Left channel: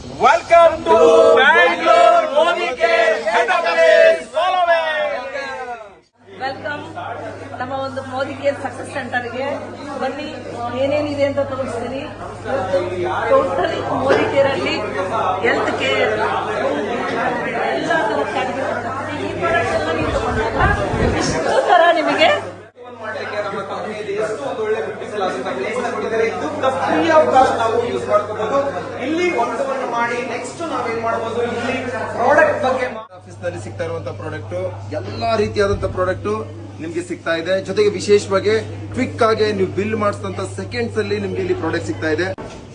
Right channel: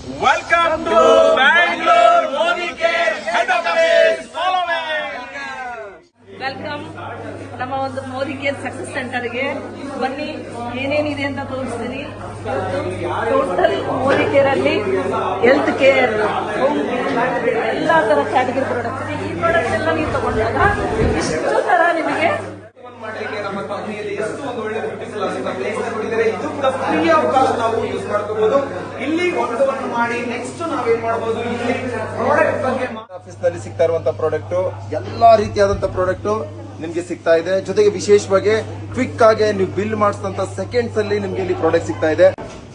Welcome to Bangalore Modi Care Head Office. Welcome ನಮ್ಮ ಒಂದು Modi care success ಸೆಂಟರ್ಗೆ ಬನ್ನಿ. ಏನೇನಿದೆ ಅಂತ ತೋರಿಸ್ತೀನಿ. ಇವತ್ತು ಟೋಟಲ್ ಮೋದಿ ಕೇರ್ ಅಲ್ಲಿ ಹೆಲ್ತ್ ಕೇರ್ ಎಲ್ಲ ತರ ಕ್ಯಾಟಗರಿ ಪ್ರಾಡಕ್ಟ್ ಈ ಪ್ರಾಡಕ್ಟ್ ಎಲ್ಲ ನೀವು ತಗೊಂಡಾಗ ಇಷ್ಟು ತರ ನಿಮಗೆ ಇಲ್ಲಿ ಒಂದನ್ನು ಮಾಡಿ ನೆಕ್ಸ್ಟ್ ನಾವೇನ್ ಮಾಡಬಹುದು. ಇಲ್ಲಿ ಪ್ರಾಡಕ್ಟ್ ಬಗ್ಗೆ ಆಫೀಸ್ ನಲ್ಲಿ ಸಿಗ್ತಾ ಇರುವಂತಹ ಪ್ರಾಡಕ್ಟ್ ಎಲ್ಲಾ ರೀತಿಯಾದಂತಹ ಪ್ರಾಡಕ್ಟ್ ನಿಮ್ಗೆ ಸಿಗ್ತಾ ಇದೆ. ಜೊತೆಗೆ ವಿಶೇಷವಾಗಿ ಕ್ವಿಕ್ ಆಗಿ ನೀವು ಬಿಲ್ ಮಾಡಿಸಿದಂತ ಸೆಕೆಂಡ್ಸ್ ಅಲ್ಲಿ ನಿಮ್ಗೆ ಇಲ್ಲಿ ಪ್ರಾಡಕ್ಟ್ ಸಿಗ್ತಾ ಇದೆ.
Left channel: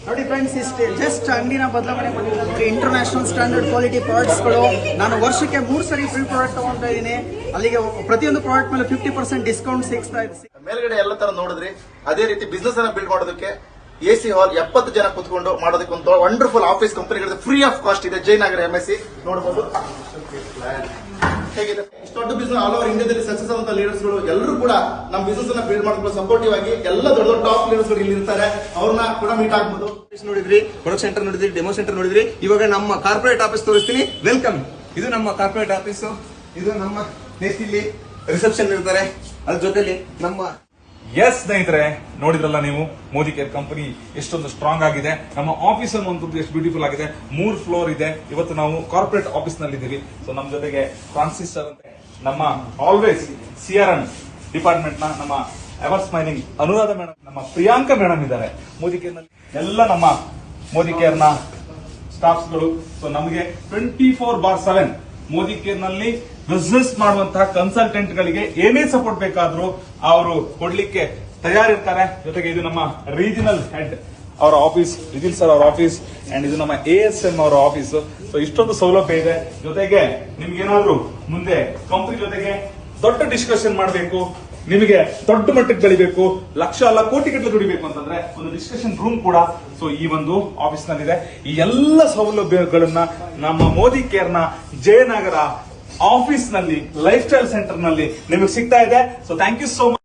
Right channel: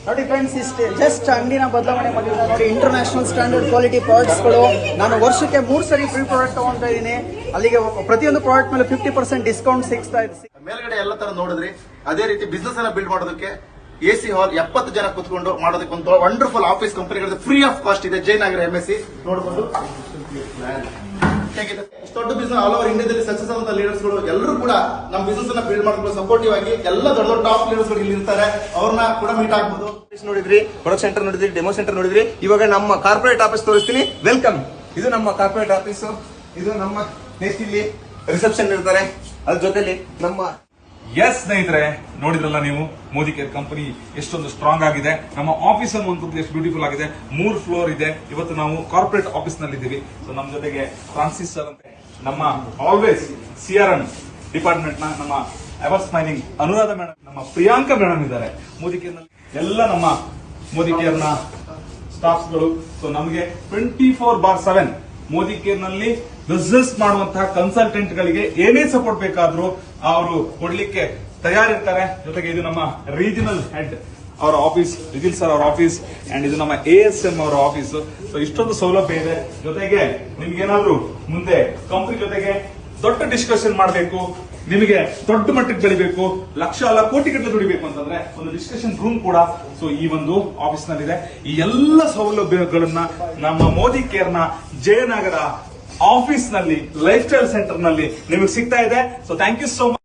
ನೋಡಿ ಫ್ರೆಂಡ್ಸ್, ಇಷ್ಟೇ ಜಸ್ಟ್ ಅಂಗಡಿನ ಬದಲಾವಣೆ ಮಾಡಿಲ್ಲ ನೋಡಿ. ಇಂಟರ್ನ್ಯಾಷನಲ್ ಸ್ಟ್ಯಾಂಡರ್ಡ್ ಕ್ವಾಲಿಟಿ ಪ್ರಾಡಕ್ಟ್ಸ್ ಗಳು. ನಾನು ವರ್ಷಕ್ಕೆ 3 ಸರಿ ಫ್ರೀ ಪ್ರಾಡಕ್ಟ್ ತಗೊಂತಾ ಇದ್ದೀನಿ. ಅಲ್ಲಿಗೆ ಪ್ರತಿಯೊಂದು ಪ್ರಾಡಕ್ಟ್ ಮೇಲೆ 50% ಡಿಸ್ಕೌಂಟ್ ಸಿಗ್ತಾ ಇದೆ. ಮೇಲ್ಗಡೆ ಎಲ್ಲ ತರ ನೋಡಿದ್ರಿ. ಅದೇ ರೀತಿ ಬಿಸ್ನೆಸ್ ಅನ್ನ ಬಿಲ್ಡ್ ಮಾಡೋದಕ್ಕೆ ಎಸಿ ಹಾಲ್ 70 ಜನ ಕುತ್ಕೊಂಡು ಮಾಡೋದಕ್ಕೆ ಒಂದು ವಂಡರ್ಫುಲ್ ಆಫೀಸ್ ಕಂಪನಿಗಳು ಫ್ರೀ ಆಫ್ ಕಾಸ್ಟ್ ಇದೆ. ಜಯನಗರ ಎಂಎಸ್ಸಿ ನೋಡಬಹುದು ಹೇಗಿದೆ. ದೊಡ್ಡ ಬಿಸ್ನೆಸ್ ಆಲ್ ಓವರ್ ಇಂಡಿಯಾದಲ್ಲಿ ಸಕ್ಸಸ್ ಆದಂತ ಲೀಡರ್ಸ್ ಗಳು ಎಲ್ಲರೂ ಕೂಡ ನಮ್ಮ ಬಿಸ್ನೆಸ್ ಅನ್ನ ಬಿಲ್ಡ್ ಮಾಡ್ಕೊಂಡು ಸಪೋರ್ಟಿವ್ ಆಗಿ ಎಲ್ಲ ದೊಡ್ಡ ದೊಡ್ಡ ಟಾಪ್ ಲೀಡರ್ಸ್ ಗಳು ಇಲ್ಲಿ ಇರ್ತಾರೆ. ಅವ್ರನ್ನ ಕೂಡ ಮೀಟ್ ಆಗ್ಬೋದು. ನೋಡಿದ್ರಿ, ಪ್ರೊಡಕ್ಟ್ ಸೆಂಟರ್ ನೋಡಿದ್ರಿ, ಡೆಮೋ ಸೆಂಟರ್ ನೋಡಿದ್ರಿ. ಇವಾಗ ನಮ್ಮ ಕಾರ್ಪೊರೇಟ್ ಆಫೀಸ್ ತೋರಿಸ್ತೀನಿ. ವೆಲ್ಕಮ್. ಇದು ನಮ್ಮ ಕಾರ್ಪೊರೇಟ್ ಆಫೀಸ್. ಇದು ನಮ್ಮ ನೆಕ್ಸ್ಟ್ ಇಲ್ಲಿ ರಿಸೆಪ್ಷನ್ ಇರ್ತಾರೆ. ಅದ್ರ ಜೊತೆಲಿ ನಮ್ಮ ಎಸ್ ಸ್ನೇಹಿತರೆ, ನೋಡಿದ್ರಲ್ಲ ನೀವು ಮೋದಿ ಕೇರ್ ಕಂಪನಿ ಎಷ್ಟೊಂದು ಸ್ಟ್ರಾಂಗ್ ಆಗಿದೆ. ನಮ್ಮ ಆಫೀಸ್ ಒಂದು ಎಷ್ಟು ಬ್ಯೂಟಿಫುಲ್ ಆಗಿದೆ. 3 ಫ್ಲೋರ್ ಇದೆ. ಇವತ್ತು ನಾವು ಕಾರ್ಪೊರೇಟ್ ಆಫೀಸ್ ನಲ್ಲಿ ಇದ್ದೀವಿ. ಸೊ ನಮ್ಮ ಜೊತೆಗೆ ಫ್ರಾನ್ಸಿಸ್ ಸರ್ ಅಂತ ನಮ್ಮ ಆಲ್ವೇಸ್ CRM ಡಿಪಾರ್ಟ್ಮೆಂಟ್ ನ ನಮ್ಮ ಎವರ್ ಸ್ಮೈಲಿಂಗ್ ಅನುರಾಧ ಮೇಡಮ್, ನಮ್ಮ ಪ್ರಿಯಾಂಕಾ ಮೇಡಮ್ ಇದ್ದಾರೆ ಮೋದಿ ಕೇರ್ ನಲ್ಲಿ. ಎಲ್ಲ ನಮ್ಮ ಮೋದಿ ಕೇರ್ ನ ಸ್ಟಾಫ್ಸ್ ಗಳು. ಸೊ ನಮಗೆ 24/7 ಮೋದಿ ಕೇರ್ ನಲ್ಲಿ ಬಿಸ್ನೆಸ್ ಮಾಡುವಂತಹ ಕನ್ಸಲ್ಟೆಂಟ್ ಗಳಿಗೆ ಏನೇ ಸಪೋರ್ಟ್ ಬೇಕಾದ್ರೂ ಅವರು ಕೊಡ್ಲಿಕ್ಕೆ ತಯಾರಿರ್ತಾರೆ. ಜೊತೆಗೆ ಇದು ನಮ್ಮ ರೀಜನಲ್ ಹೆಡ್ ಅವರ ಆಫೀಸ್, ವಿಜಿಲ್ ಸರ್ ಅವರ ಆಫೀಸ್, ಅಂಡ್ ಇದು ನಮ್ಮ ASM ಅವರ ಆಫೀಸ್. ಸೊ ಇಷ್ಟೊಂದು ಸೌಲಭ್ಯ ಇದೆ. ಜೊತೆಗೆ ನಿಮ್ಗೇನಾದ್ರೂ ಮುಂದೆ ಕಂಪನಿ ಜೊತೆಗೆ ದೊಡ್ಡ ಡಿಸ್ಕಷನ್ ಮಾಡಬೇಕು, ನಿಮಗೆ ದೊಡ್ಡ ಮಟ್ಟಕ್ಕೆ ಬೆಳಿಬೇಕು, ಲಕ್ಷ ಅಲ್ಲ ಕೋಟಿ ಗಟ್ಟಲೆ ದುಡಿಬೇಕು ಅಂತಂದ್ರೆ ಒಂದು ಡಿಸ್ಕಷನ್ ರೂಮ್ ಕೂಡ ಸೊ ಈ ಒಂದು ಆಫೀಸ್ ನಲ್ಲಿದೆ. ಈ ಎಲ್ಲ ಸೌಲಭ್ಯಗಳನ್ನ ನಮ್ಮ ಮೋದಿ ಕೇರ್ ನ ಜಯನಗರ ಆಫೀಸ್ ನಲ್ಲಿ ಲೈಫ್ ಸ್ಟೈಲ್ ಸೆಂಟರ್ ನಲ್ಲಿ ನಿಮಗೆ ಸಿಗ್ತಾ ಇದೆ. So thank you so much.